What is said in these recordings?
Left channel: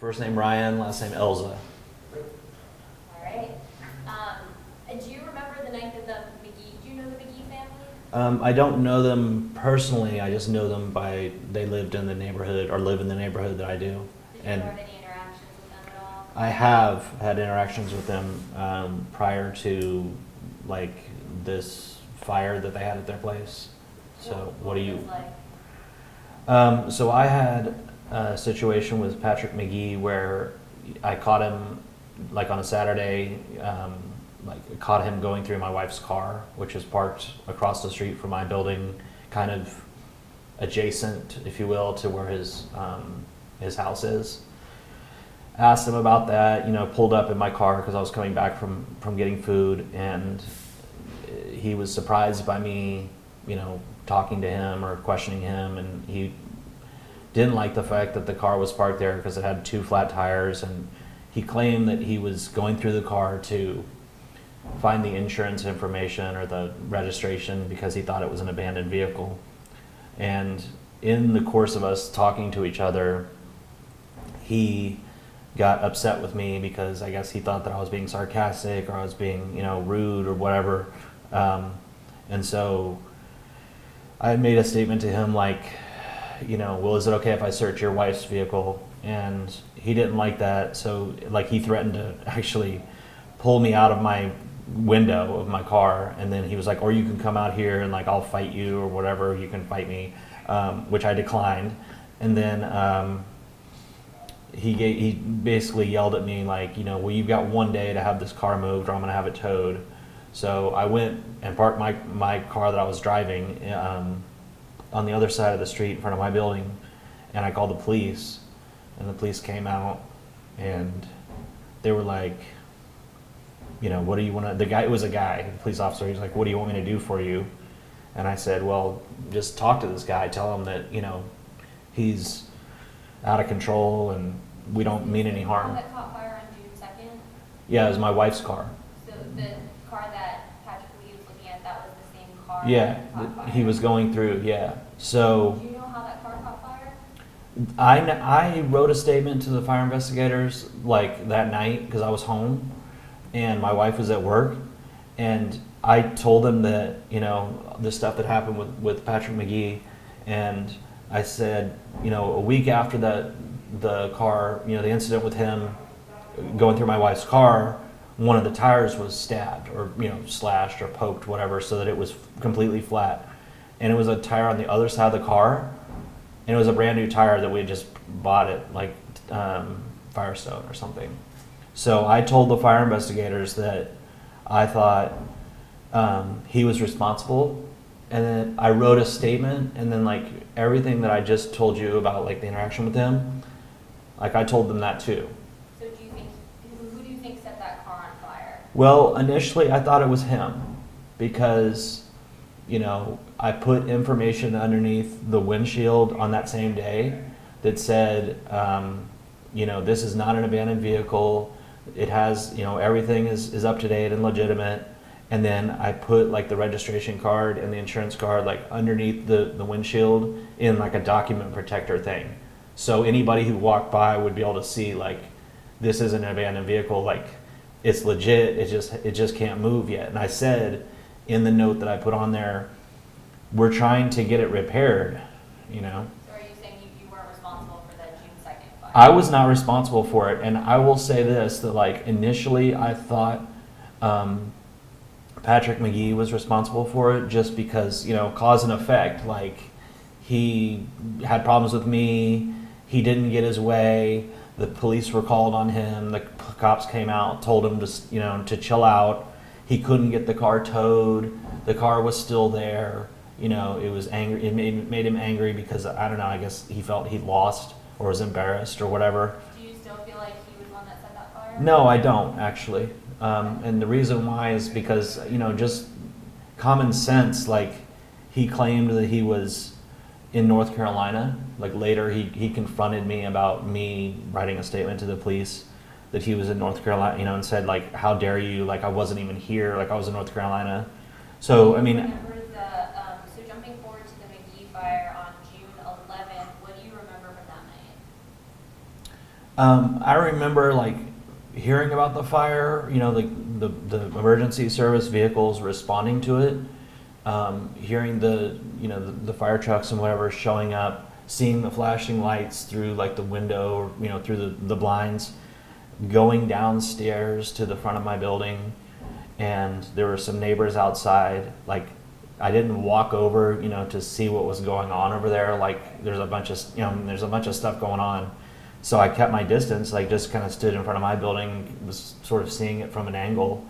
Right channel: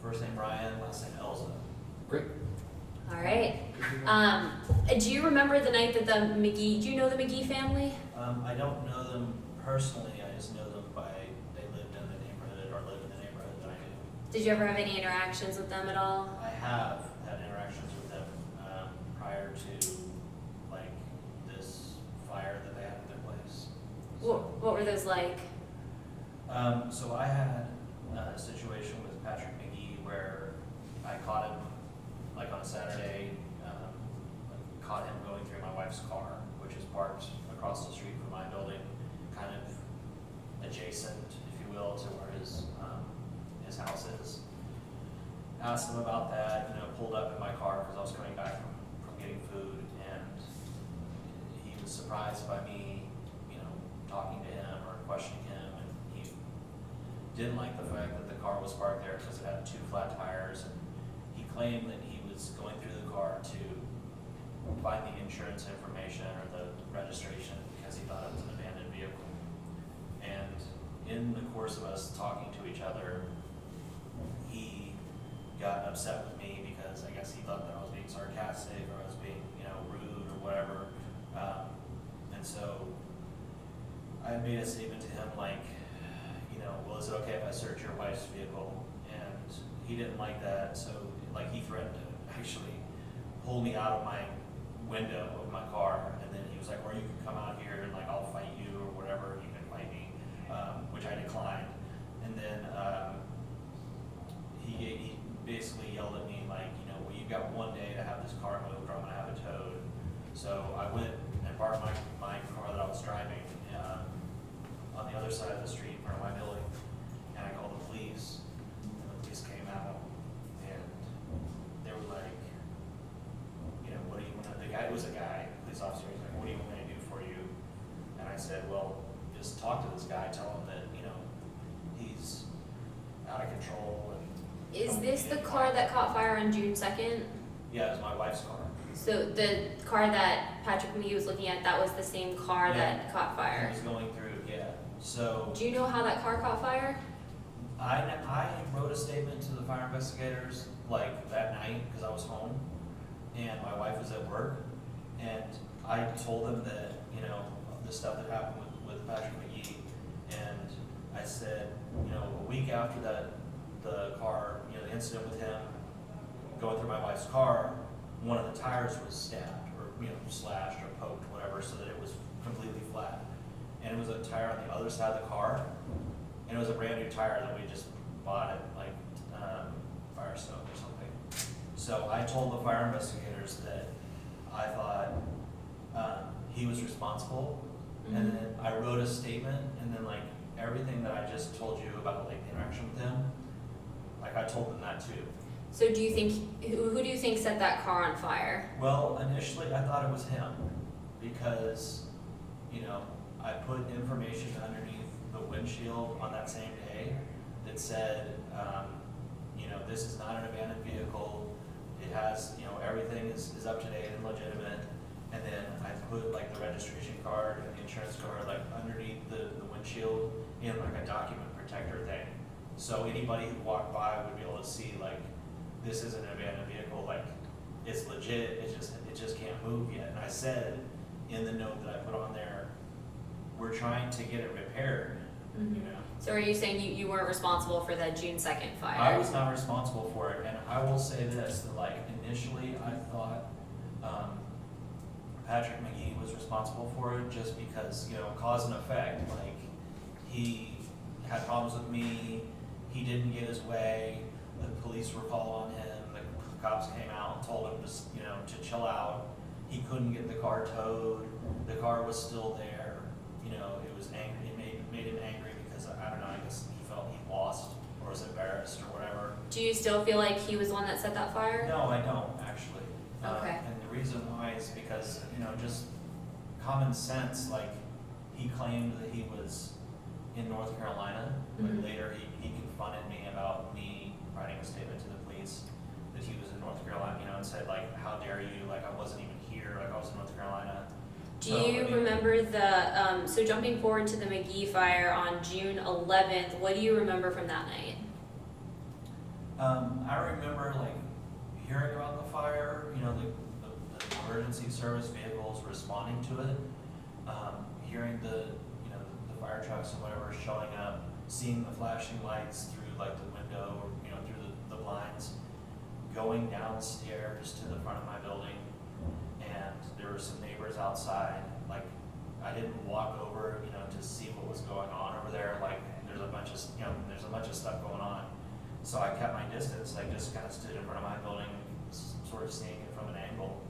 First name Ryan, last name Elza. Great. All right. Do you remember the night that do you know the McGee family? I don't know them personally. I just know them they lived in the neighborhood or live in the neighborhood that I do. Did you ever have any interactions with them at all? I have had interactions with them prior to like this fire that they had at their place. So what were those like? So I had a situation with Patrick McGee where I caught him like on a Saturday, caught him going through my wife's car, which is parked across the street from my building, kind of adjacent, if you will, to where his house is. Asked him about that, pulled up in my car because I was coming back from getting food, and he was surprised by me, talking to him or questioning him, and he didn't like the fact that the car was parked there because it had 2 flat tires, and he claimed that he was going through the car to find the insurance information or the registration because he thought it was an abandoned vehicle. And in the course of us talking to each other, he got upset with me because I guess he thought that I was being sarcastic or I was being, rude or whatever. And so I made a statement to him like, well, is it okay if I search your wife's vehicle? And he didn't like that, so he threatened to actually pull me out of my window of my car, and then he was like, or you can come out here and I'll fight you or whatever, you can fight me, which I declined. And then he basically yelled at me well, you've got 1 day to have this car moved or I'm gonna have it towed. So I went and parked my car that I was driving on the other side of the street in front of my building, and I called the police, and the police came out, and they were like, what do you want to, it was a guy, a police officer, he's like, what do you want me to do for you? And I said, well, just talk to this guy, tell him that, he's out of control and we don't mean any harm. Is this the car that caught fire on June 2nd? Yeah, it was my wife's car. So the car that Patrick McGee was looking at, that was the same car Yeah, that caught fire? he was going through, yeah. So do you know how that car caught fire? I wrote a statement to the fire investigators that night because I was home and my wife was at work, and I told them that the stuff that happened with Patrick McGee, and I said a week after the car, the incident with him going through my wife's car, one of the tires was stabbed or slashed or poked, whatever, so that it was completely flat, and it was a tire on the other side of the car, and it was a brand new tire that we just bought at Firestone or something. So I told the fire investigators that I thought he was responsible, and then I wrote a statement, and then everything that I just told you about the interaction with him, I told them that too. So do you think, who do you think set that car on fire? Well, initially I thought it was him because, I put information underneath the windshield on that same day that said, this is not an abandoned vehicle. It has, everything is up to date and legitimate. And then I put the registration card and the insurance card underneath the windshield in a document protector thing. So anybody who walked by would be able to see this isn't an abandoned vehicle, it's legit, it just can't move yet. And I said in the note that I put on there, we're trying to get it repaired, So are you saying you weren't responsible for that June 2nd fire? I was not responsible for it, and I will say this, that initially I thought Patrick McGee was responsible for it just because, cause and effect, he had problems with me, he didn't get his way, the police were called on him, the cops came out, told him to chill out, he couldn't get the car towed, the car was still there, it was angry, it made him angry because, I don't know, I guess he felt he lost or was embarrassed or whatever. Do you still feel like he was the one that set that fire? No, I don't actually. Okay. And the reason why is because, just common sense, he claimed that he was in North Carolina. Later he confronted me about me writing a statement to the police that he was in North Carolina, and said how dare you, I wasn't even here, I was in North Carolina. So, do you remember so jumping forward to the McGee fire on June 11th, what do you remember from that night? I remember like hearing about the fire, you know, the emergency service vehicles responding to it, hearing the fire trucks and whatever showing up, seeing the flashing lights through like the window, or, you know, through the blinds, going downstairs to the front of my building, and there were some neighbors outside. Like, I didn't walk over, you know, to see what was going on over there. Like, there's a bunch of stuff going on. So I kept my distance, like just kind of stood in front of my building, was sort of seeing it from an angle.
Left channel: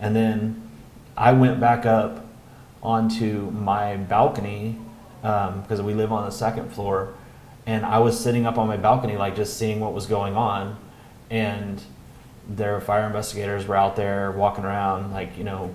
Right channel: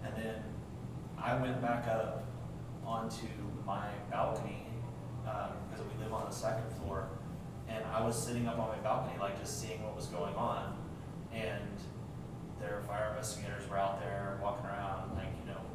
And then I went back up onto my balcony, because we live on the second floor, and I was sitting up on my balcony, like just seeing what was going on. And their fire investigators were out there walking around, like, you know,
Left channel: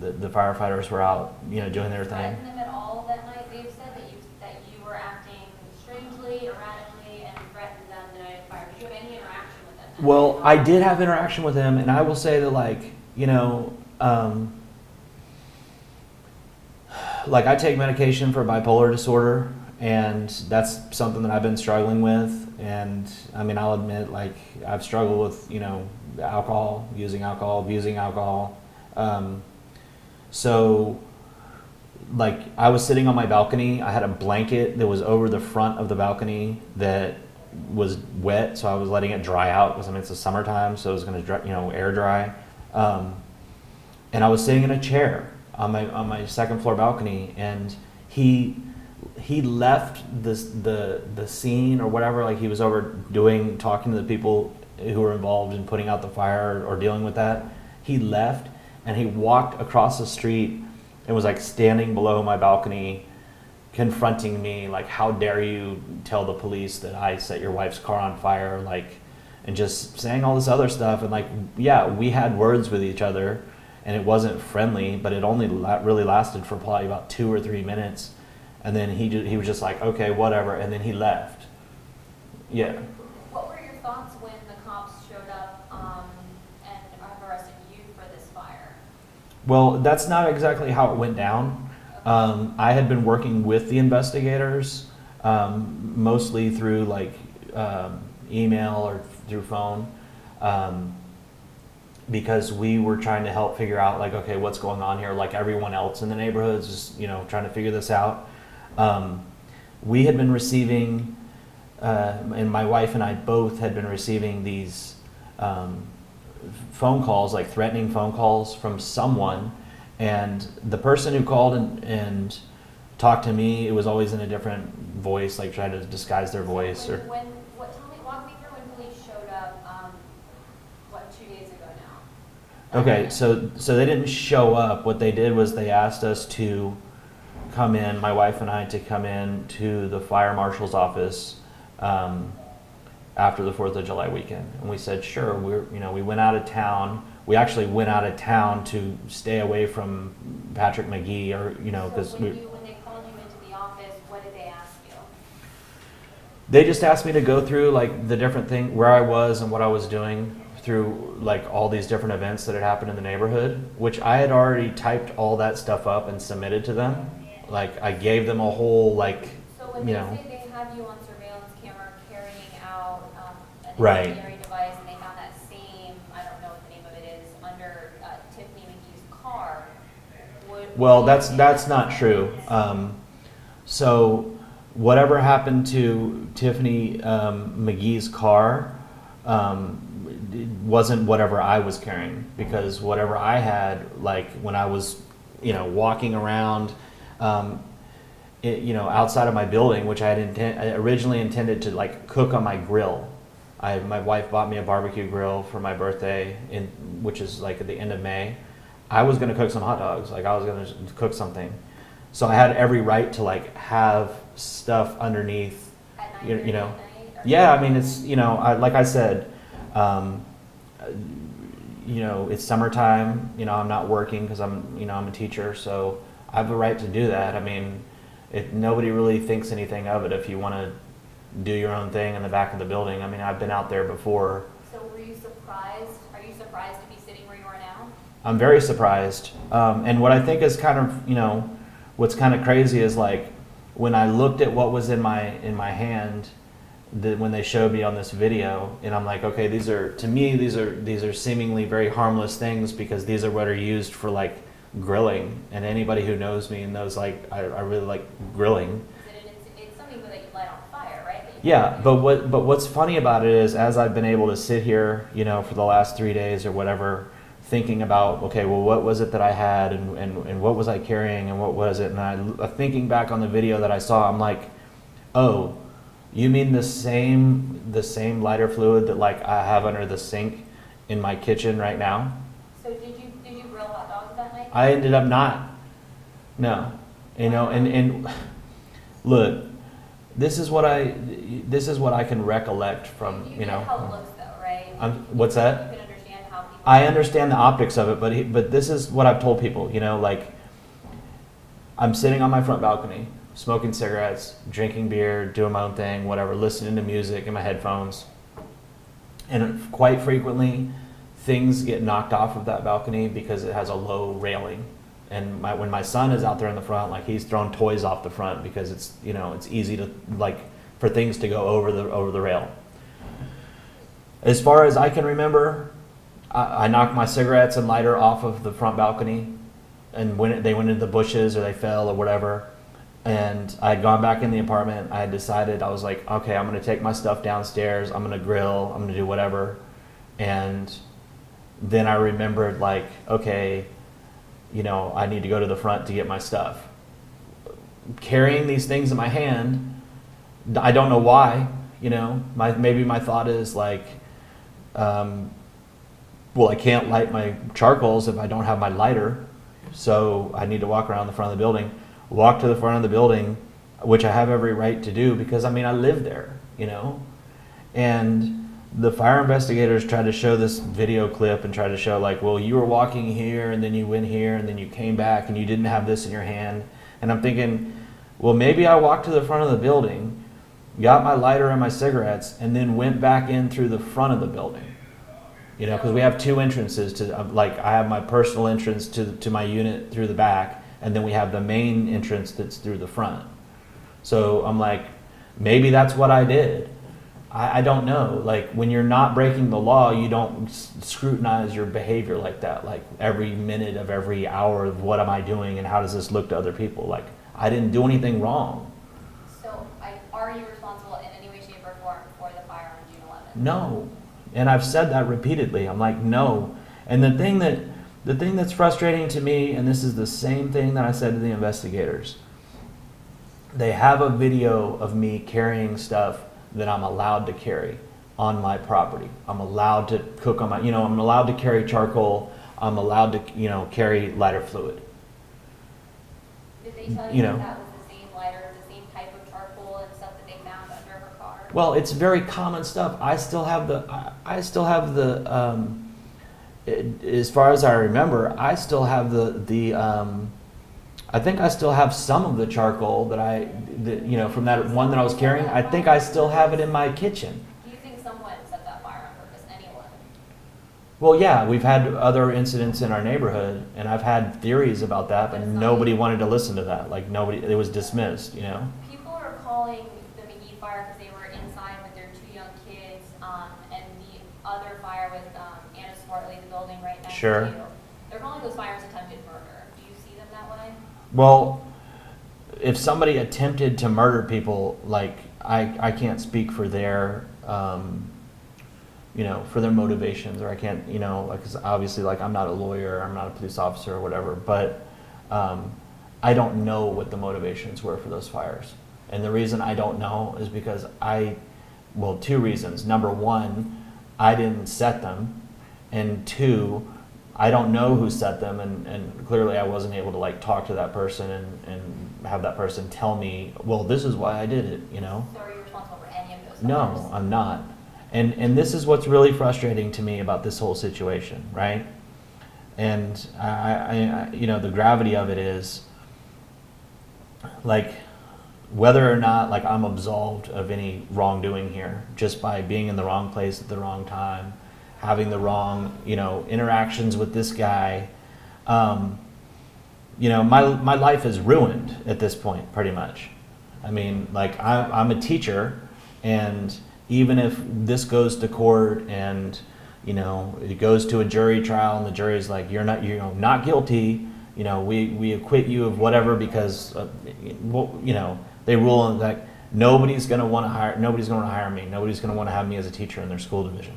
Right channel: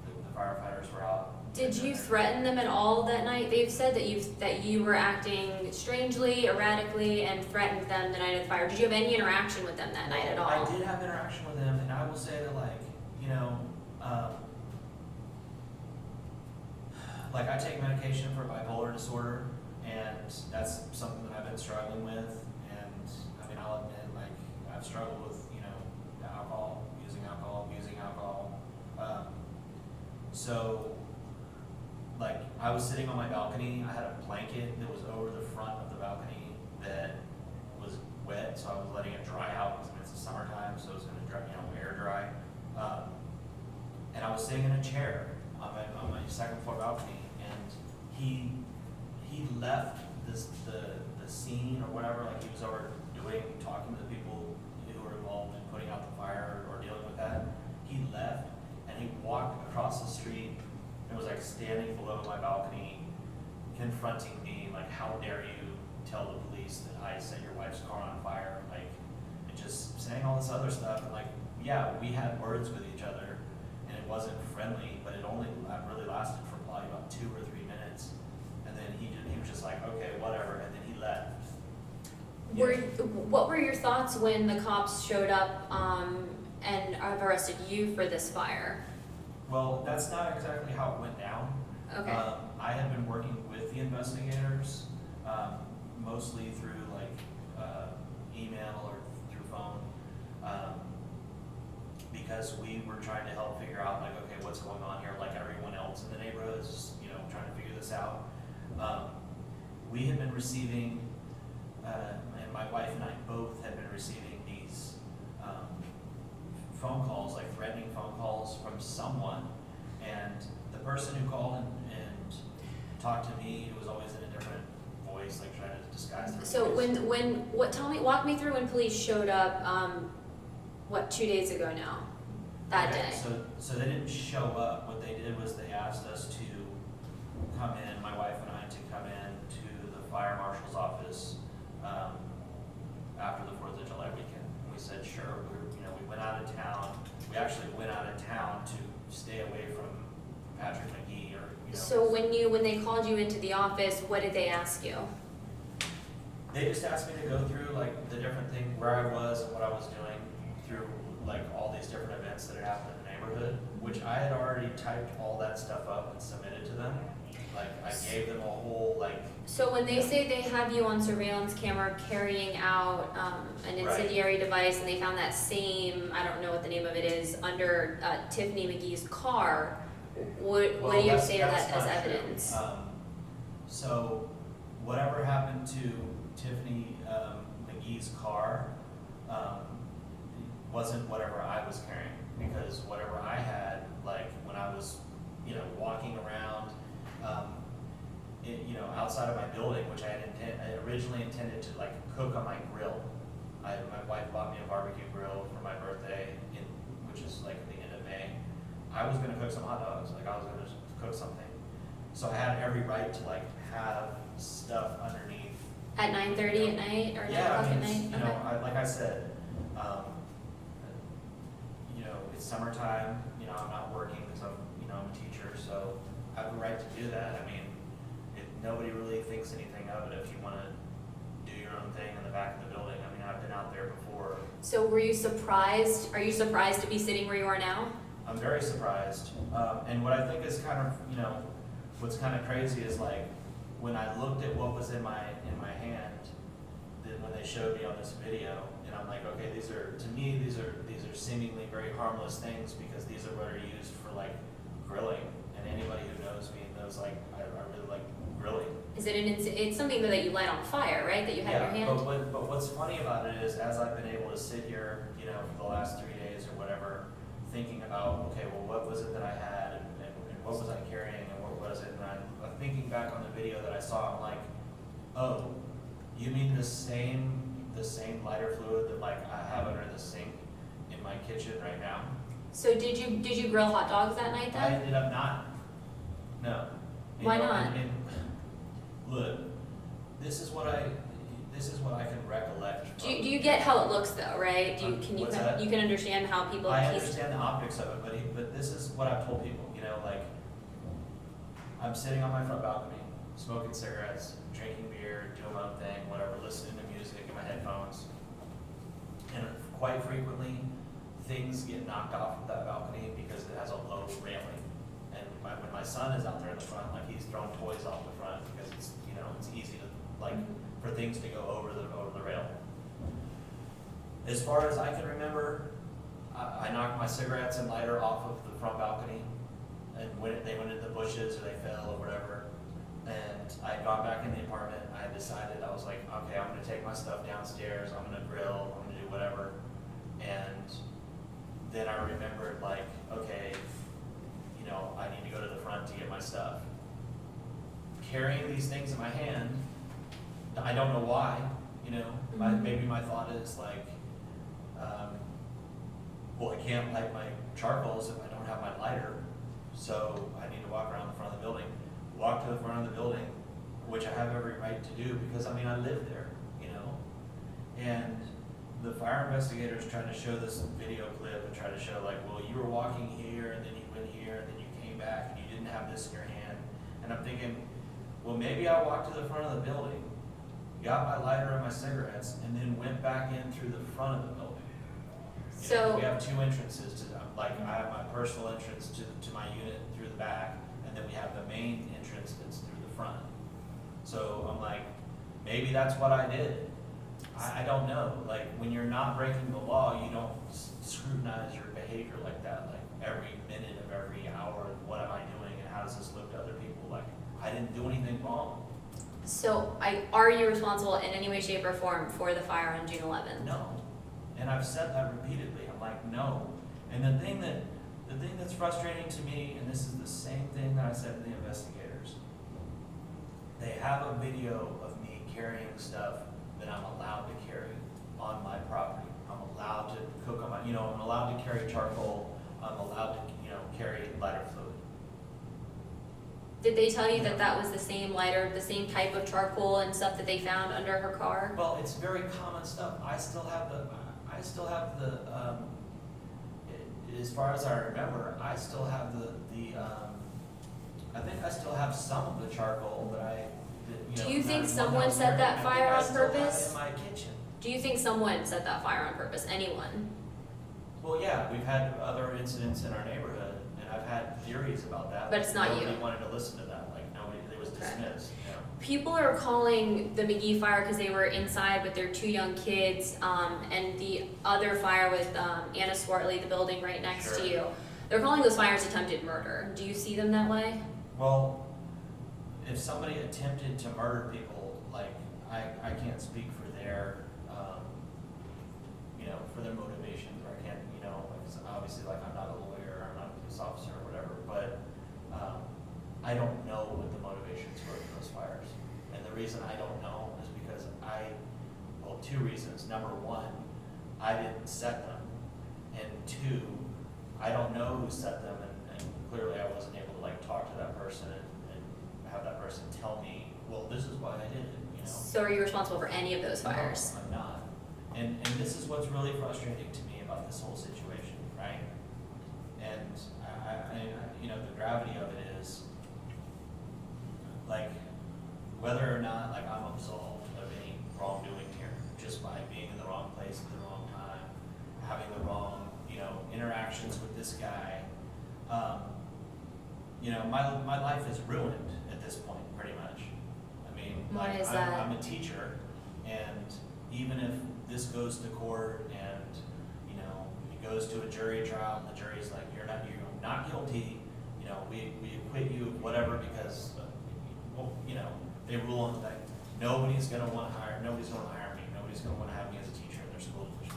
the firefighters were out, you know, doing their thing. Did you threaten them at all that night? They've said that you were acting strangely, erratically, and threatened them the night of the fire. Did you have any interaction with them that night at all? I did have interaction with them, and I will say that, like, you know, like I take medication for bipolar disorder, and that's something that I've been struggling with. And I mean, I'll admit, like, I've struggled with, you know, alcohol, abusing alcohol. So, like, I was sitting on my balcony. I had a blanket that was over the front of the balcony that was wet, so I was letting it dry out because, I mean, it's the summertime, so it was going to, you know, air dry. And I was sitting in a chair on my second floor balcony, and he left the scene or whatever. Like, he was over talking to the people who were involved in putting out the fire or dealing with that. He left, and he walked across the street and was like standing below my balcony, confronting me, like, how dare you tell the police that I set your wife's car on fire, like, and just saying all this other stuff. And like, yeah, we had words with each other, and it wasn't friendly, but it only really lasted for probably about 2 or 3 minutes. And then he was just like, okay, whatever, and then he left. Yeah. What were your thoughts when the cops showed up and have arrested you for this fire? Well, that's not exactly how it went down. Okay. I had been working with the investigators, mostly through like email or through phone, because we were trying to help figure out, like, okay, what's going on here? Like everyone else in the neighborhood is just, you know, trying to figure this out. We had been receiving, and my wife and I both had been receiving these phone calls, like threatening phone calls from someone. And the person who called and talked to me, it was always in a different voice, like tried to disguise their voice. So walk me through when police showed up, 2 days ago now? Okay, so they didn't show up. What they did was they asked us to come in, my wife and I, to come in to the fire marshal's office after the 4th of July weekend. And we said, sure. We went out of town. We actually went out of town to stay away from Patrick McGee, or, you know. So when they called you into the office, what did they ask you? They just asked me to go through like the different thing, where I was and what I was doing through like all these different events that had happened in the neighborhood, which I had already typed all that stuff up and submitted to them. Like, I gave them a whole, like. So when they say they have you on surveillance camera carrying out an Right. incendiary device, and they found that same, I don't know what the name of it is, under Tiffany McGee's car, That's not true. So whatever happened to Tiffany McGee's car wasn't whatever I was carrying, because whatever I had, like when I was, walking around, outside of my building, which I originally intended to like cook on my grill. My wife bought me a barbecue grill for my birthday, which is like at the end of May. I was going to cook some hot dogs. Like, I was going to cook something. So I had every right to like have stuff underneath. At 9:30 at night? Or Yeah, I mean, it's, like I said, it's summertime, I'm not working because I'm a teacher, so I have a right to do that. I mean, nobody really thinks anything of it if you want to do your own thing in the back of the building. I mean, I've been out there before. So were you surprised? Are you surprised to be sitting where you are now? I'm very surprised. And what I think is kind of, what's kind of crazy is like when I looked at what was in my hand, when they showed me on this video, and I'm like, okay, these are, to me, these are seemingly very harmless things, because these are what are used for like grilling, and anybody who knows me and knows like I really like grilling. Is it it's something that you light on fire, right? That you have Yeah, in your hand? but what's funny about it is, as I've been able to sit here, you know, for the last 3 days or whatever, thinking about, okay, well, what was it that I had, and what was I carrying, and what was it, and thinking back on the video that I saw, I'm like, oh, you mean the same lighter fluid that like I have under the sink in my kitchen right now? So did you grill hot dogs that night then? I ended up not. No. You Why know, not? and look, this is what I can recollect from. Do you you get know, how it looks though, right? what's that? You can understand how people. I understand the optics of it, but this is what I've told people. You know, like, I'm sitting on my front balcony, smoking cigarettes, drinking beer, doing my own thing, whatever, listening to music in my headphones, and quite frequently, things get knocked off of that balcony because it has a low railing. And when my son is out there in the front, like, he's throwing toys off the front because it's, you know, it's easy to, like, for things to go over the rail. As far as I can remember, I knocked my cigarettes and lighter off of the front balcony, and when they went into the bushes or they fell or whatever, and I had gone back in the apartment, I had decided, I was like, okay, I'm going to take my stuff downstairs, I'm going to grill, I'm going to do whatever. And then I remembered, like, okay, you know, I need to go to the front to get my stuff. Carrying these things in my hand, I don't know why, you know, maybe my thought is like, well, I can't light my charcoals if I don't have my lighter, so I need to walk around the front of the building, walk to the front of the building, which I have every right to do because, I mean, I live there, you know. And the fire investigators tried to show this video clip and tried to show, like, well, you were walking here and then you went here and then you came back and you didn't have this in your hand. And I'm thinking, well, maybe I walked to the front of the building, got my lighter and my cigarettes, and then went back in through the front of the building. You know, because we have two entrances to, like, I have my personal entrance to my unit through the back, and then we have the main entrance that's through the front. So I'm like, maybe that's what I did. I don't know. Like, when you're not breaking the law, you don't scrutinize your behavior like that. Like, every minute of every hour of what am I doing and how does this look to other people? Like, I didn't do anything wrong. So are you responsible in any way, shape, or form for the fire on June 11th? No. And I've said that repeatedly. I'm like, no. And the thing that's frustrating to me, and this is the same thing that I said to the investigators, they have a video of me carrying stuff that I'm allowed to carry on my property. I'm allowed to cook on my, you know, I'm allowed to carry charcoal. I'm allowed to, you know, carry lighter fluid. Did they tell you, You that know. that was the same lighter, the same type of charcoal and stuff that they found under her car? Well, it's very common stuff. I still have the, as far as I remember, I still have I think I still have some of the charcoal you know, Do you from that think one that I was someone set carrying. that I think fire I on still have it purpose? in my kitchen. Do you think someone set that fire on purpose? Anyone? Well, yeah, we've had other incidents in our neighborhood, and I've had theories about that, But but it's not nobody you. wanted to listen to that. Like, nobody, it was dismissed, you know? People are calling the McGee fire because they were inside with their 2 young kids, and the other fire with Anna Swartley, the building right next Sure. to you. They're calling those fires attempted murder. Do you see them that way? Well, if somebody attempted to murder people, like, I can't speak for their, you know, for their motivations, or I can't, you know, like, 'cause obviously, like, I'm not a lawyer, I'm not a police officer or whatever, but I don't know what the motivations were for those fires. And the reason I don't know is because well, 2 reasons. Number 1, I didn't set them, and 2, I don't know who set them, and clearly I wasn't able to, like, talk to that person and have that person tell me, well, this is why I did it, you know? So are you responsible for any of those No, fires? I'm not. And this is what's really frustrating to me about this whole situation, right? And I you know, the gravity of it is, like, whether or not, like, I'm absolved of any wrongdoing here just by being in the wrong place at the wrong time, having the wrong, you know, interactions with this guy. You know, my life is ruined at this point, pretty much. I mean, like, Why is that? I'm a teacher, And even if this goes to court and, it goes to a jury trial and the jury's like, you're not guilty, we acquit you of whatever because, they rule on like, nobody's going to want to hire me. Nobody's going to want to have me as a teacher in their school division.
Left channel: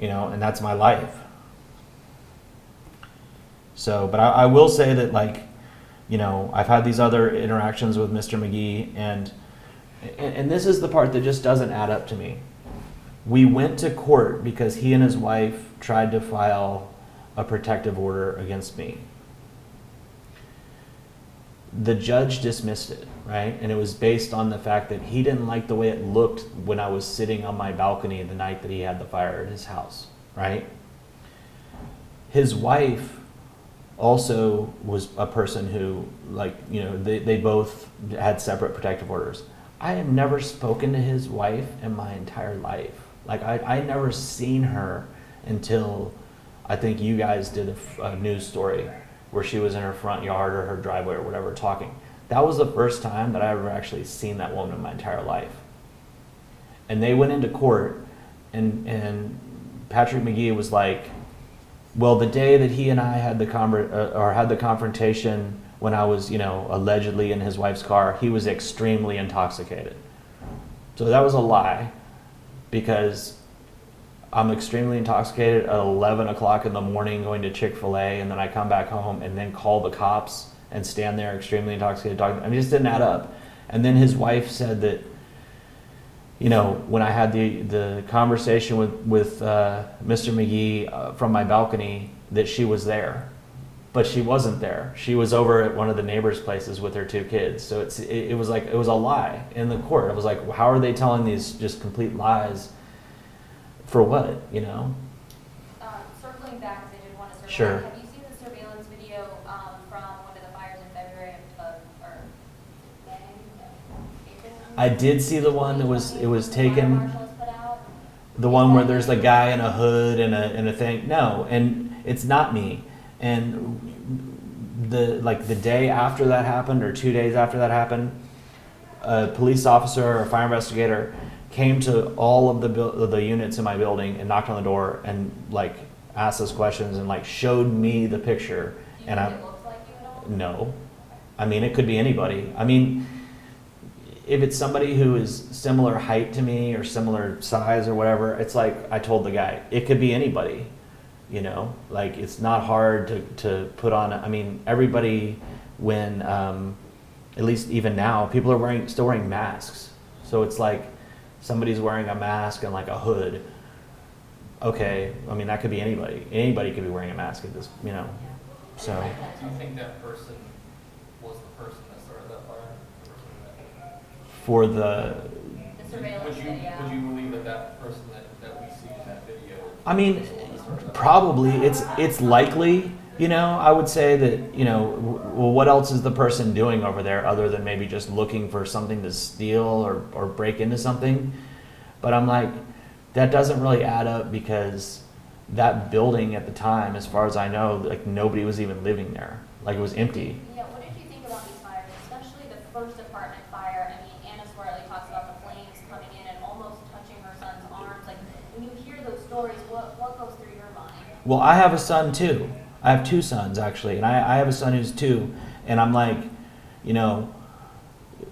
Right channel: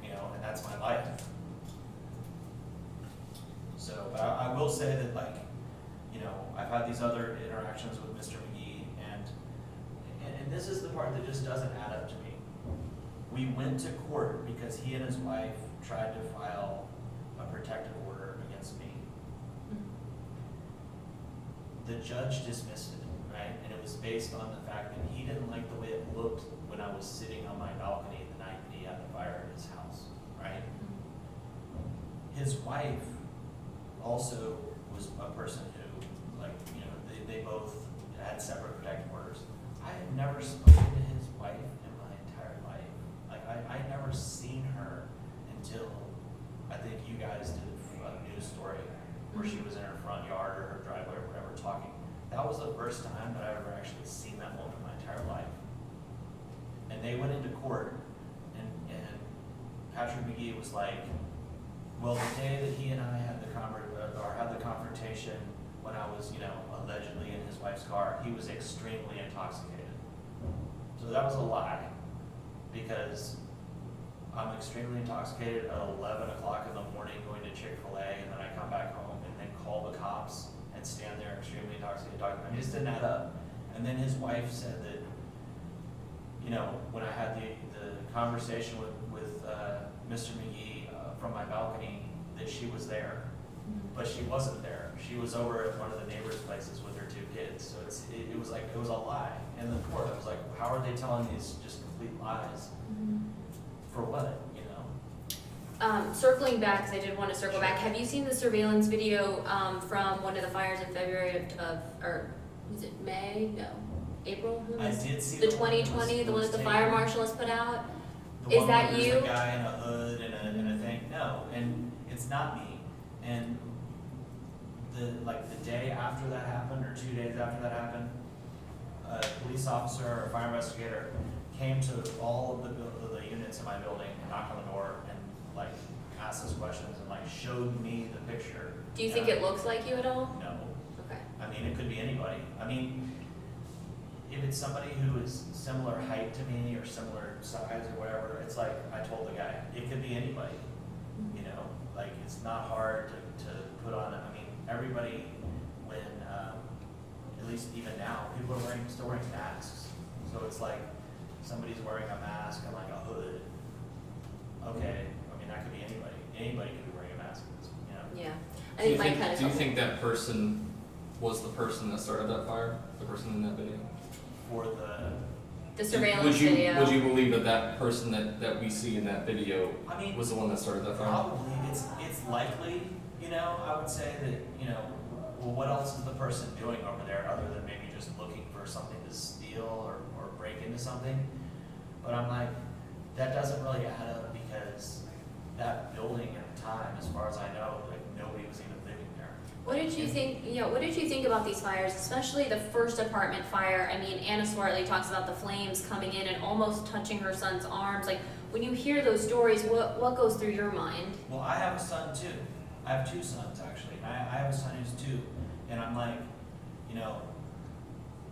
And that's my life. So, but I will say that, like, I've had these other interactions with Mr. McGee, and this is the part that just doesn't add up to me. We went to court because he and his wife tried to file a protective order against me. The judge dismissed it, right? And it was based on the fact that he didn't like the way it looked when I was sitting on my balcony the night that he had the fire at his house, right? His wife also was a person who, like, they both had separate protective orders. I have never spoken to his wife in my entire life. Like, I never seen her until I think you guys did a news story where she was in her front yard or her driveway or whatever talking. That was the first time that I ever actually seen that woman in my entire life. And they went into court, and Patrick McGee was like, well, the day that he and I had the confrontation when I was, allegedly in his wife's car, he was extremely intoxicated. So that was a lie, because I'm extremely intoxicated at 11 o'clock in the morning going to Chick-fil-A, and then I come back home and then call the cops and stand there extremely intoxicated talking. I mean, it just didn't add up. And then his wife said that, when I had the conversation with Mr. McGee from my balcony, that she was there. But she wasn't there. She was over at one of the neighbors' places with her 2 kids. So it was like, it was a lie in the court. I was like, how are they telling these just complete lies? For what, Circling back, because I did want to circle Sure. back, have you seen the surveillance video from one of the fires in February or is it May? No, April? I did see the one that was 2020, it was the fire taken. marshal has put out. The Is one that where there's the you? guy in a hood and a thing. No, and it's not me. And the day after that happened, or 2 days after that happened, a police officer or a fire investigator came to all of the units in my building and knocked on the door and, like, asked us questions and, like, showed me the picture. Do you think it looks like you at all? No. Okay. I mean, it could be anybody. I mean, if it's somebody who is similar height to me or similar size or whatever, it's like I told the guy, it could be anybody. Like, it's not hard to put on. I mean, everybody, when at least even now, people are still wearing masks. So it's like somebody's wearing a mask and, like, a hood. Okay, I mean, that could be anybody. Anybody could be wearing a mask at this, Yeah. So- Do you think that person was the person that started that fire? The person in that video? for the. The surveillance Would video. you believe that person that we see in that video I mean, was the one that started that probably it's likely. I would say that, well, what else is the person doing over there other than maybe just looking for something to steal or break into something? But I'm like, that doesn't really add up, because that building at the time, as far as I know, like, nobody was even living there. Like, it was empty. What did you think about these fires, especially the first apartment fire? I mean, Anna Swartley talks about the flames coming in and almost touching her son's arms. Like, when you hear those stories, what goes through your mind? Well, I have a son too. I have 2 sons, actually, and I have a son who's 2, and I'm like,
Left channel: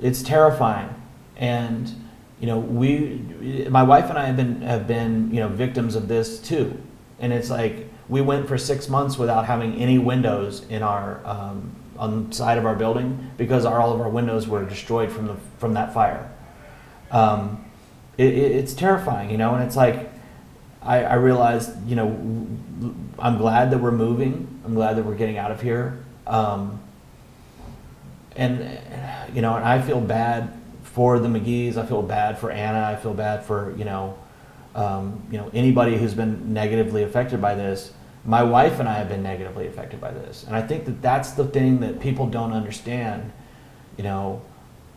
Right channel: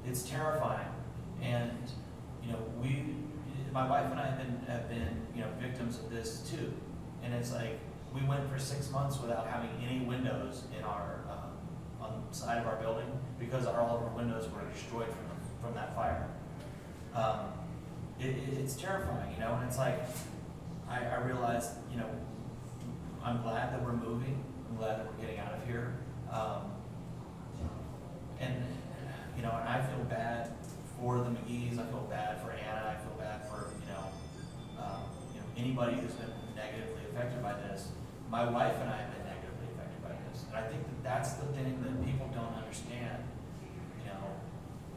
it's terrifying. And my wife and I have been victims of this too. And it's like, we went for 6 months without having any windows in our on the side of our building, because all of our windows were destroyed from that fire. It's terrifying, and it's like, I realized, I'm glad that we're moving. I'm glad that we're getting out of here. And I feel bad for the McGees. I feel bad for Anna. I feel bad for, anybody who's been negatively affected by this. My wife and I have been negatively affected by this. And I think that that's the thing that people don't understand,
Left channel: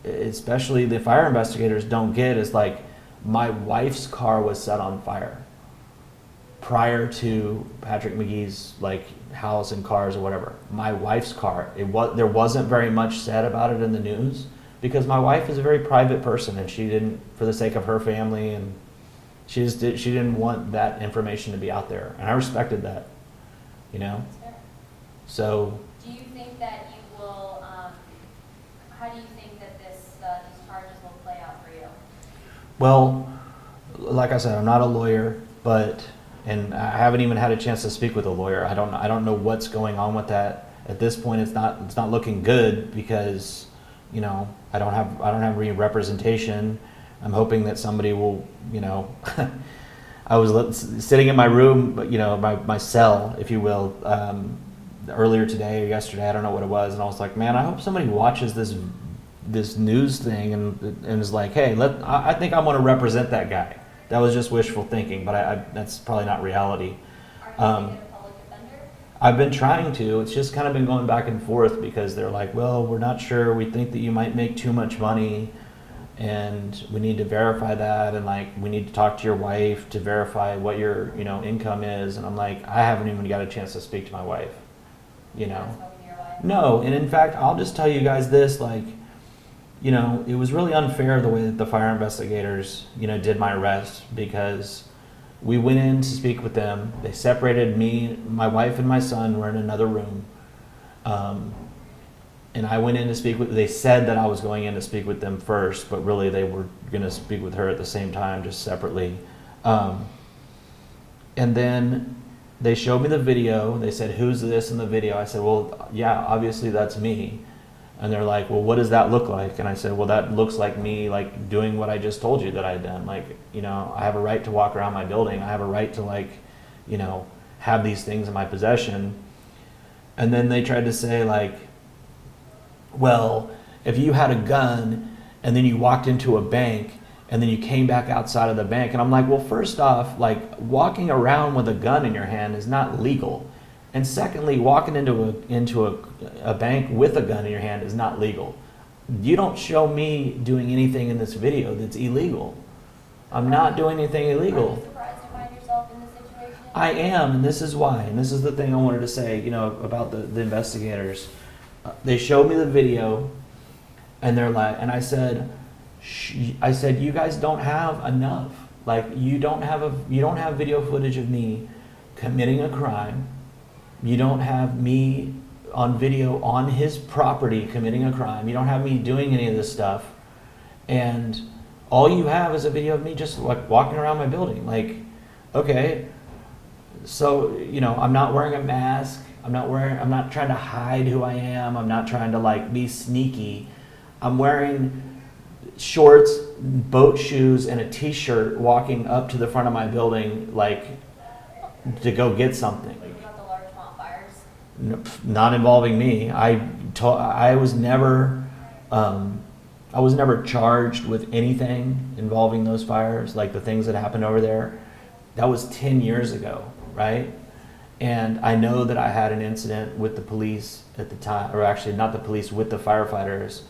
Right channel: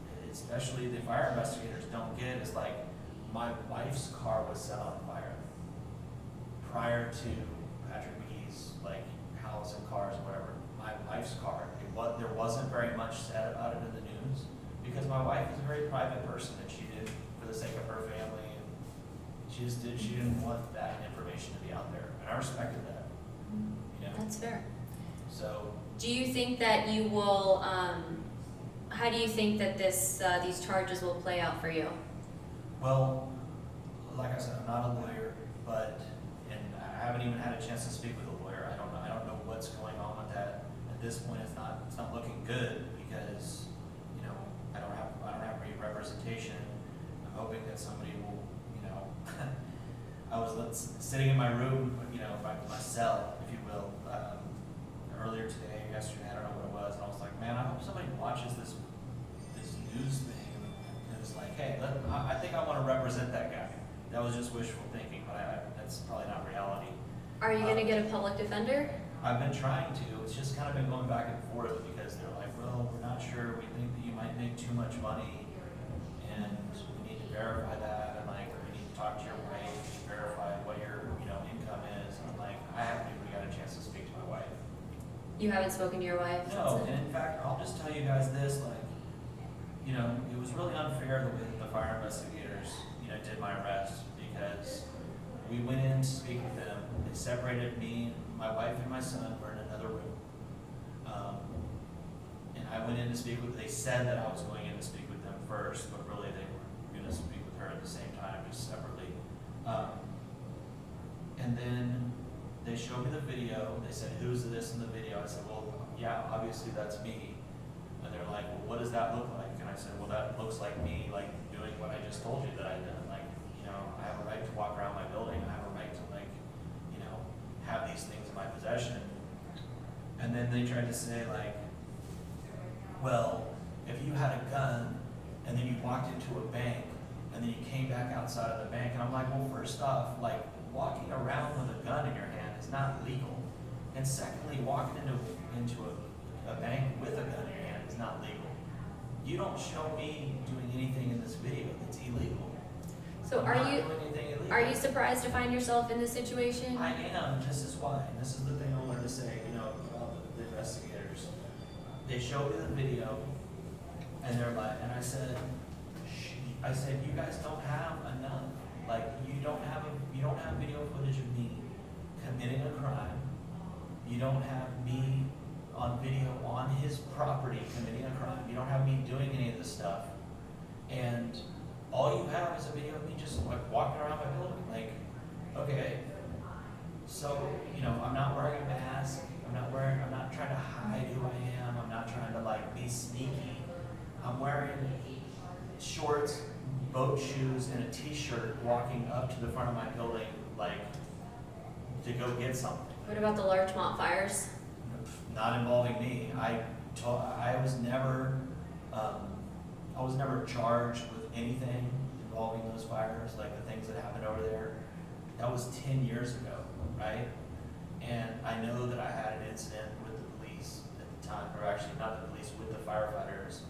especially the fire investigators don't get, is like, my wife's car was set on fire prior to Patrick McGee's, like, house and cars or whatever. My wife's car, there wasn't very much said about it in the news, because my wife is a very private person, and she didn't, for the sake of her family, and she didn't want that information to be out there, and I respected that, you know. That's fair. So Do you think that you will, how do you think that these charges will play out for you? well, like I said, I'm not a lawyer, and I haven't even had a chance to speak with a lawyer. I don't know what's going on with that. At this point, it's not looking good because, you know, I don't have any representation. I'm hoping that somebody will, you know, I was sitting in my room, but you know, my cell, if you will, earlier today or yesterday, I don't know what it was, and I was like, man, I hope somebody watches this news thing and is like, hey, I think I want to represent that guy. That was just wishful thinking, but that's probably not reality. Are you gonna get a public defender? I've been trying to. It's just kind of been going back and forth because they're like, well, we're not sure. We think that you might make too much money, and we need to verify that, and like we need to talk to your wife to verify what your, you know, income is. And I'm like, I haven't even got a chance to speak to my wife. You haven't spoken to your wife? No, and in fact, I'll just tell you guys this, like, you know, it was really unfair the way that the fire investigators, you know, did my arrest, because we went in to speak with them. They separated me, my wife and my son were in another room. And I went in to speak with, they said that I was going in to speak with them first, but really they were going to speak with her at the same time, just separately. And then they showed me the video. They said, who's this in the video? I said, well, yeah, obviously that's me. And they're like, well, what does that look like? And I said, well, that looks like me, like doing what I just told you that I'd done. Like, you know, I have a right to walk around my building. I have a right to, like, you know, have these things in my possession. And then they tried to say, like, well, if you had a gun and then you walked into a bank and then you came back outside of the bank. And I'm like, well, first off, like, walking around with a gun in your hand is not legal. And secondly, walking into a bank with a gun in your hand is not legal. You don't show me doing anything in this video that's illegal. So I'm not doing anything illegal. Are you surprised to find yourself in this situation? I am, and this is why. And this is the thing I wanted to say, you know, about the investigators. They showed me the video, and they're like, and I said, you guys don't have enough. Like, you don't have video footage of me committing a crime. You don't have me on video on his property committing a crime. You don't have me doing any of this stuff. And all you have is a video of me just like walking around my building. Like, okay, so, you know, I'm not wearing a mask. I'm not trying to hide who I am. I'm not trying to like be sneaky. I'm wearing shorts, boat shoes, and a t-shirt walking up to the front of my building, like, to go get something. What about the Larchmont fires? Not involving me. I was never charged with anything involving those fires, like the things that happened over there. That was 10 years ago, right? And I know that I had an incident with the police at the time, or actually not the police, with the firefighters,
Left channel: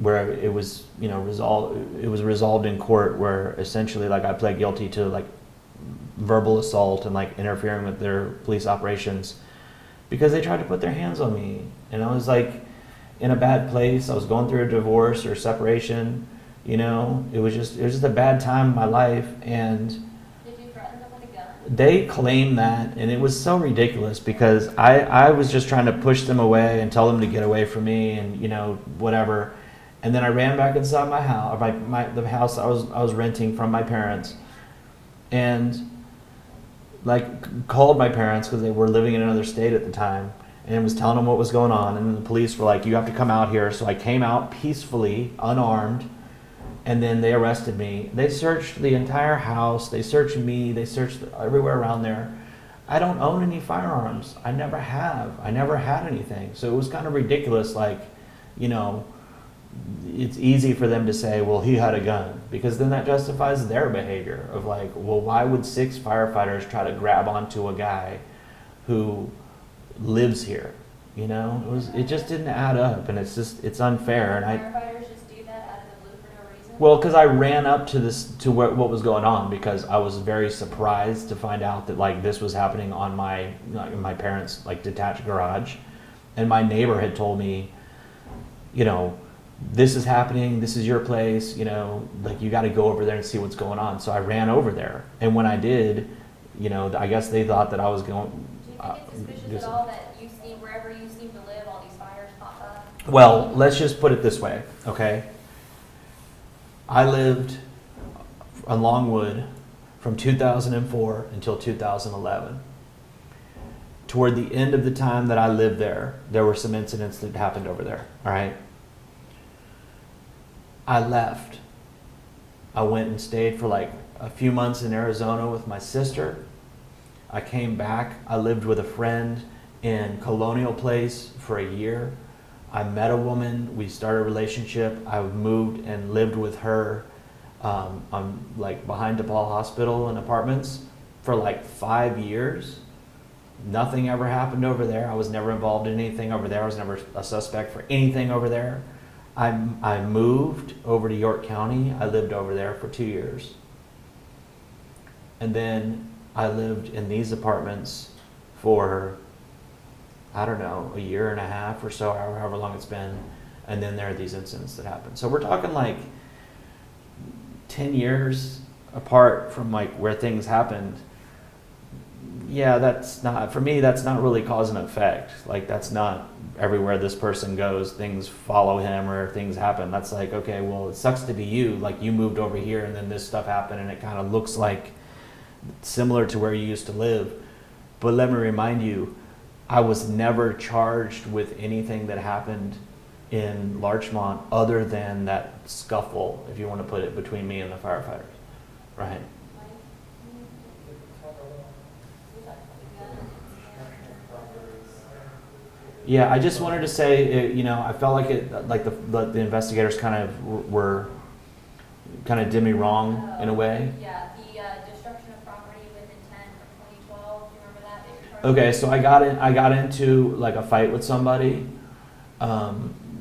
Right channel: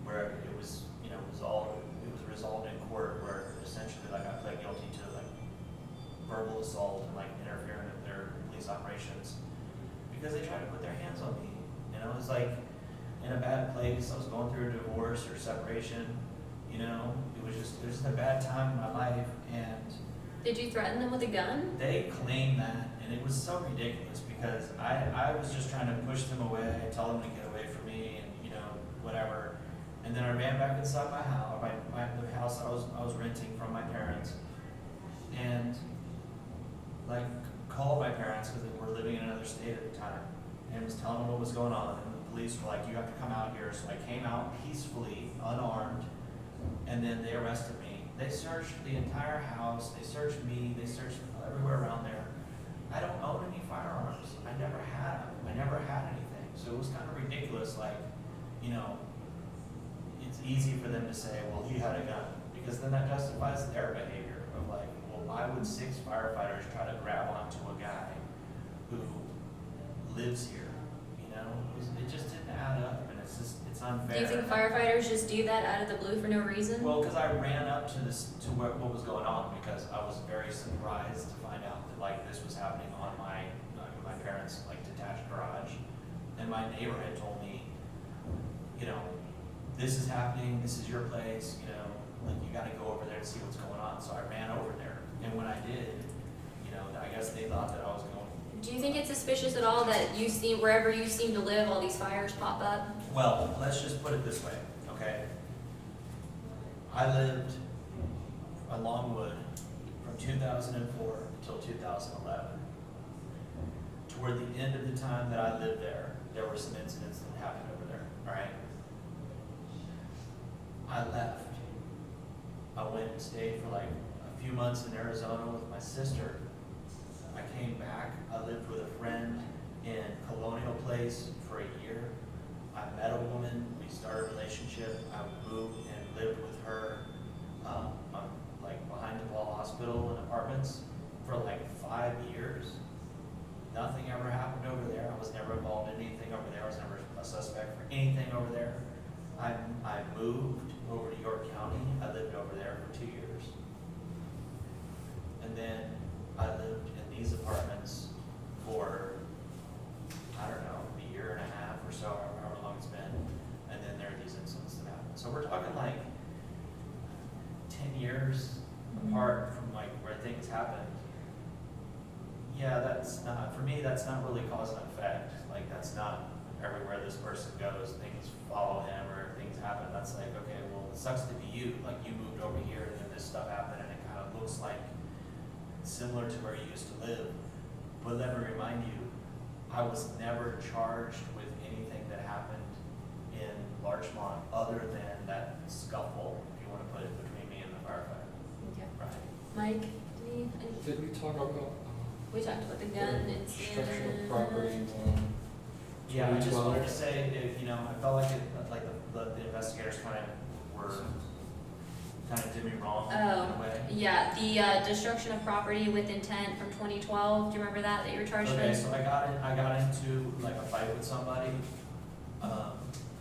where it was, you know, resolved in court, where essentially, like, I pled guilty to like verbal assault and like interfering with their police operations because they tried to put their hands on me, and I was like in a bad place. I was going through a divorce or separation, you know. It was just a bad time in my life. And did you threaten them with a gun? they claimed that, and it was so ridiculous because I was just trying to push them away and tell them to get away from me, and, you know, whatever. And then I ran back inside my house, the house I was renting from my parents, and like called my parents because they were living in another state at the time, and was telling them what was going on. And the police were like, you have to come out here. So I came out peacefully, unarmed, and then they arrested me. They searched the entire house. They searched me. They searched everywhere around there. I don't own any firearms. I never have. I never had anything. So it was kind of ridiculous. Like, you know, it's easy for them to say, well, he had a gun, because then that justifies their behavior of like, well, why would 6 firefighters try to grab onto a guy who lives here? You know, it just didn't add up, and it's unfair. Doesn't firefighters just do that out of the blue for no reason? Well, because I ran up to what was going on, because I was very surprised to find out that like this was happening on my parents' like detached garage, and my neighbor had told me, you know, this is happening, this is your place, you know, like you got to go over there and see what's going on. So I ran over there, and when I did, you know, I guess they thought that I was going. Do you think it's suspicious at all that you see, wherever you seem to live, all these fires pop up? Well, let's just put it this way, okay? I lived on Longwood from 2004 until 2011. Toward the end of the time that I lived there, there were some incidents that happened over there, all right? I left. I went and stayed for like a few months in Arizona with my sister. I came back. I lived with a friend in Colonial Place for a year. I met a woman. We started a relationship. I moved and lived with her on like behind DePaul Hospital in apartments for like 5 years. Nothing ever happened over there. I was never involved in anything over there. I was never a suspect for anything over there. I moved over to York County. I lived over there for 2 years. And then I lived in these apartments for, I don't know, a year and a half or so, however long it's been. And then there are these incidents that happen. So we're talking like 10 years apart from like where things happened. Yeah, that's not, for me, that's not really cause and effect. Like that's not everywhere this person goes, things follow him or things happen. That's like, okay, well, it sucks to be you. Like you moved over here and then this stuff happened and it kind of looks like similar to where you used to live. But let me remind you, I was never charged with anything that happened in Larchmont other than that scuffle, if you want to put it, between me and the firefighters. Right. Mike, Did we talk about we talked about the gun destruction incident. of property? Yeah, I just wanted to say, you know, I felt like like the investigators kind of were kind of did me wrong in a way. Yeah, the destruction of property with intent from 2012. Do you remember that you were charged Okay, with? so I got into like a fight with somebody.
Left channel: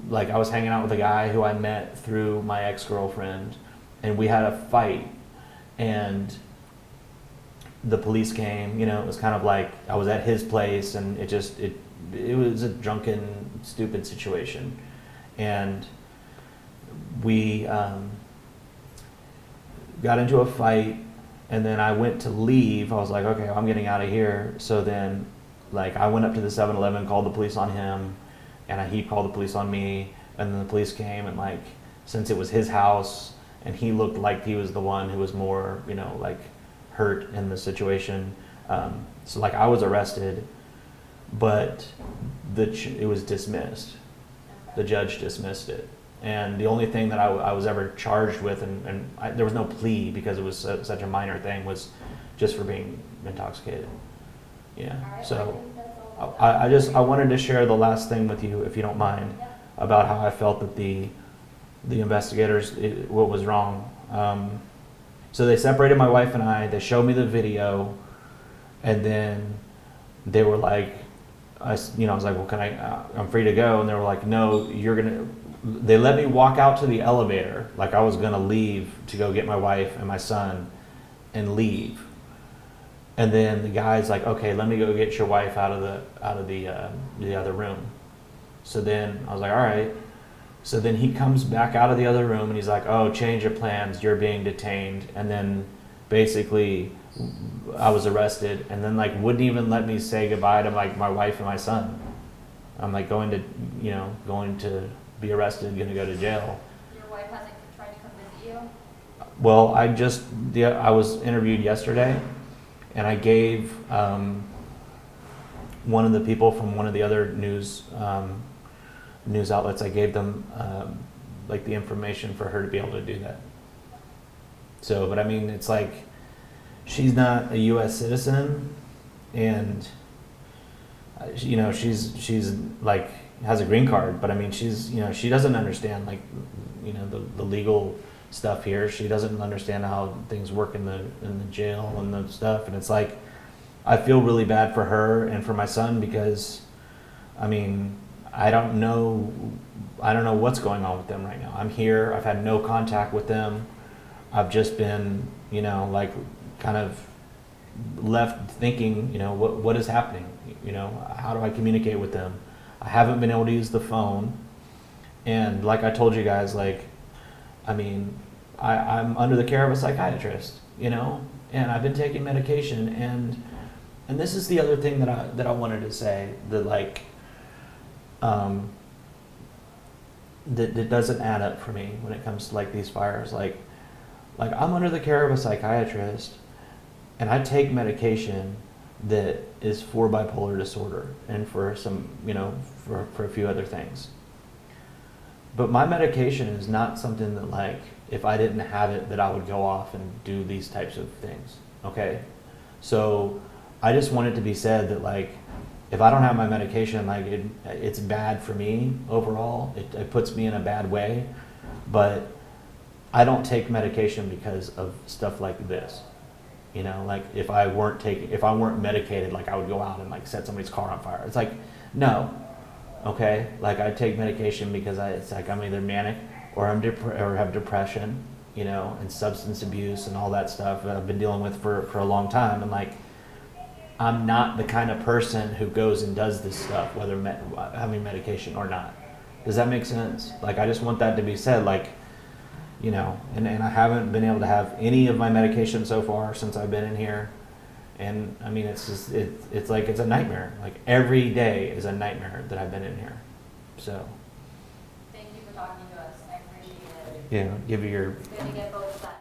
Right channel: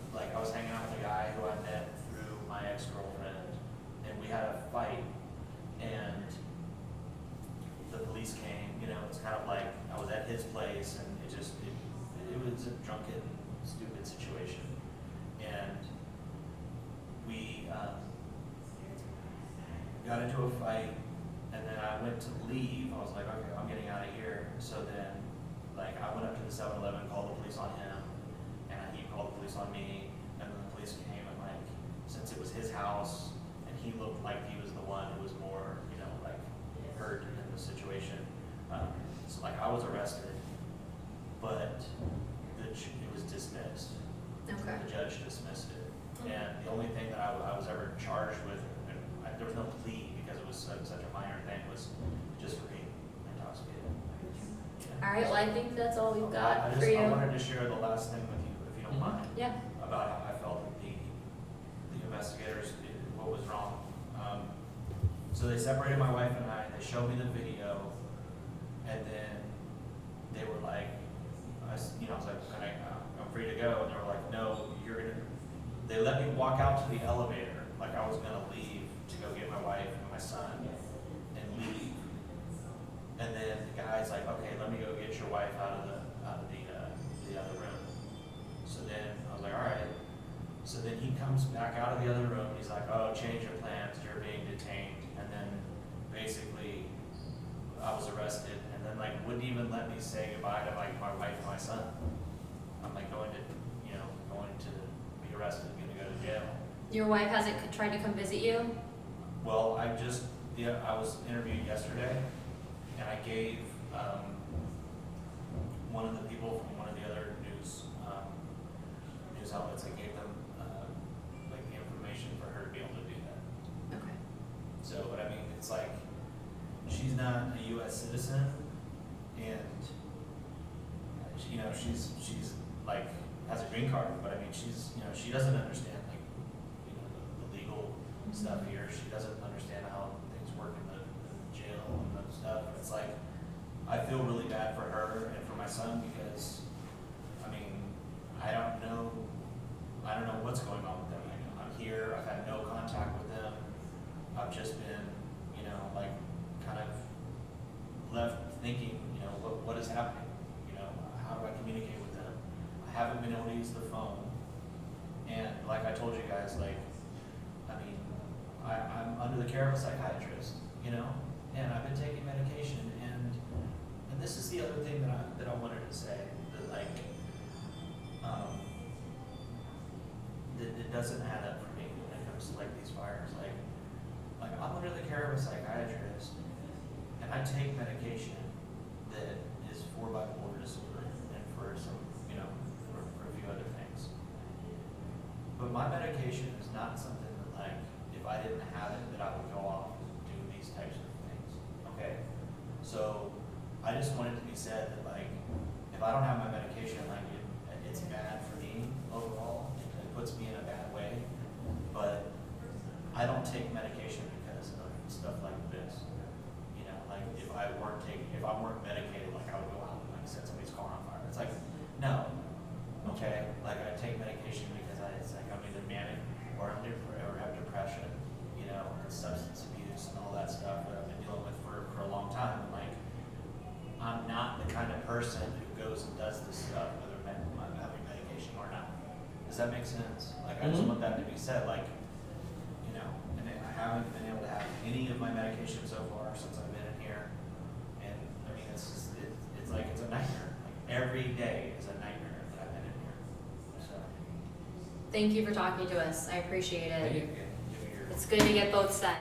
Like I was hanging out with a guy who I met through my ex-girlfriend, and we had a fight, and the police came. You know, it was kind of like I was at his place, and it was a drunken, stupid situation, and we got into a fight, and then I went to leave. I was like, okay, well, I'm getting out of here. So then, like, I went up to the 7-Eleven, called the police on him, and he called the police on me, and then the police came, and like, since it was his house, and he looked like he was the one who was more, you know, like, hurt in the situation. So like, I was arrested, but it was dismissed. Okay. The judge dismissed it. And the only thing that I was ever charged with, and there was no plea because it was such a minor thing, was just for being intoxicated. Yeah. All right, So well, I think that's all we've got. I wanted to share the last thing with you, if you don't mind, Yeah. about how I felt that the investigators, what was wrong. So they separated my wife and I. They showed me the video, and then they were like, I was like, well, I'm free to go, and they were like, no, they let me walk out to the elevator, like I was gonna leave to go get my wife and my son and leave. And then the guy's like, okay, let me go get your wife out of the other room. So then I was like, all right. So then he comes back out of the other room and he's like, oh, change your plans, you're being detained. And then basically I was arrested, and then like wouldn't even let me say goodbye to like my wife and my son. I'm like going to be arrested, gonna go to jail. Your wife hasn't tried to come visit you? Well, I was interviewed yesterday, and I gave one of the people from one of the other news outlets, I gave them like the information for her to be able to do that. Okay. So, but I mean, it's like, she's not a U.S. citizen, and she's like has a green card, but I mean, she doesn't understand like the legal stuff here. She doesn't understand how things work in the jail and the stuff, and it's like, I feel really bad for her and for my son, because I mean, I don't know what's going on with them right now. I'm here. I've had no contact with them. I've just been, like kind of left thinking, what is happening? How do I communicate with them? I haven't been able to use the phone, And like I told you guys, like, I mean, I'm under the care of a psychiatrist, you know, and I've been taking medication, and this is the other thing that I wanted to say, that like, that doesn't add up for me when it comes to like these fires. Like I'm under the care of a psychiatrist, and I take medication that is for bipolar disorder and for some, you know, for a few other things. But my medication is not something that, like, if I didn't have it, that I would go off and do these types of things, okay? So I just want it to be said that, like, if I don't have my medication, like, it's bad for me overall. It puts me in a bad way. But I don't take medication because of stuff like this. You know, like, if I weren't medicated, like, I would go out and, like, set somebody's car on fire. It's like, no. Okay, like, I take medication because it's like I'm either manic or or have depression, you know, and substance abuse and all that stuff that I've been dealing with for a long time. And like, I'm not the kind of person who goes and does this stuff, whether having medication or not. Does that make sense? Like, I just want that to be said, like, you know, and I haven't been able to have any of my medication so far since I've been in here. And I mean, it's just, it's like, it's a nightmare. Like, every day is a nightmare that I've been in here. So, Thank you for talking to us. I appreciate it. Thank you. yeah, give you your It's good to get both sides.